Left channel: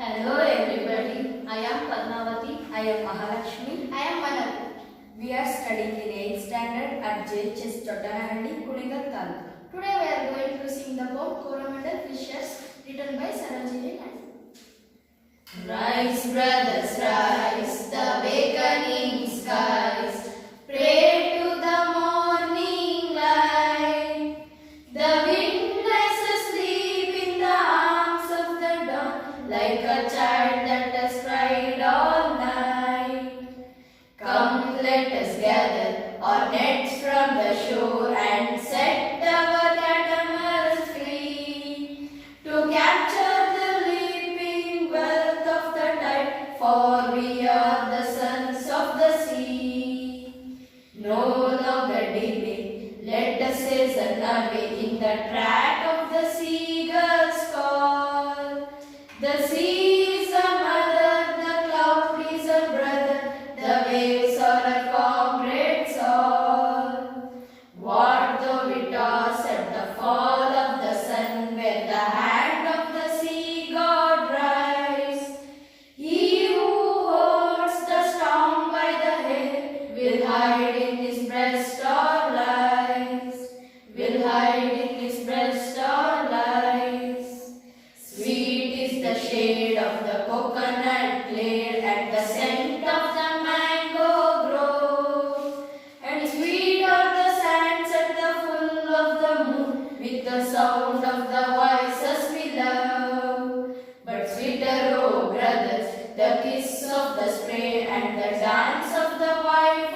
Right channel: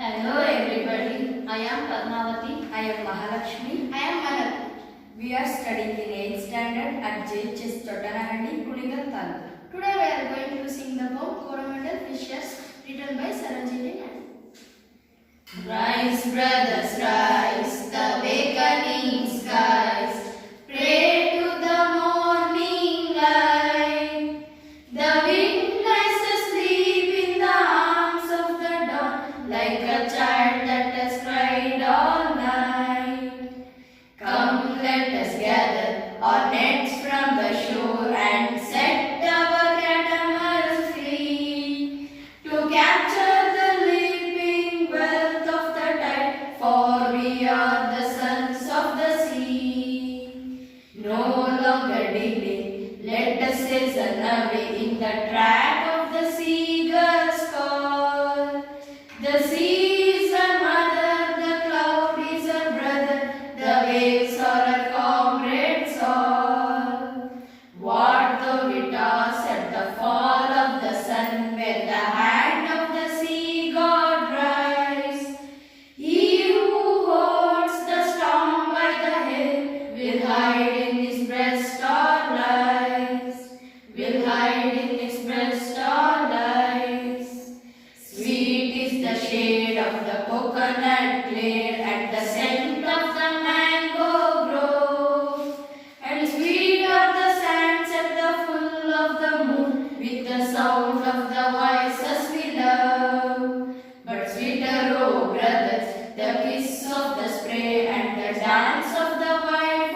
Hello everybody, I am Padmavati. I am Mahalakshmi. I am Manal. We are studying in 8th standard at JHS Chottanahalli, Kunigal Taluk. Today we are going to sing the poem Coromandel Fishes written by Saranjeevi Naidu. Rise, brothers, rise, the awakening skies. Pray to the morning light. The wind lies asleep in the arms of the dawn, like a child that has cried all night. Come, let us gather our nets from the shore and set our catamarans free to capture the leaping wealth of the tide, for we are the sons of the sea. No longer delay, let us hasten away in the track of the seagull's call. The sea is our mother, the cloud is our brother, the waves are our comrades all. What though we toss at the fall of the sun, where the hand of the sea god rise? He who holds the storm by the head will hide in his breast or rise. Will hide in his breast or rise. Sweet is the shade of the coconut glade and the scent of the mango grove, and sweet are the sands at the full of the moon with the sound of the voices we love. But sweeter, oh brothers, the kiss of the spray and the dance of the white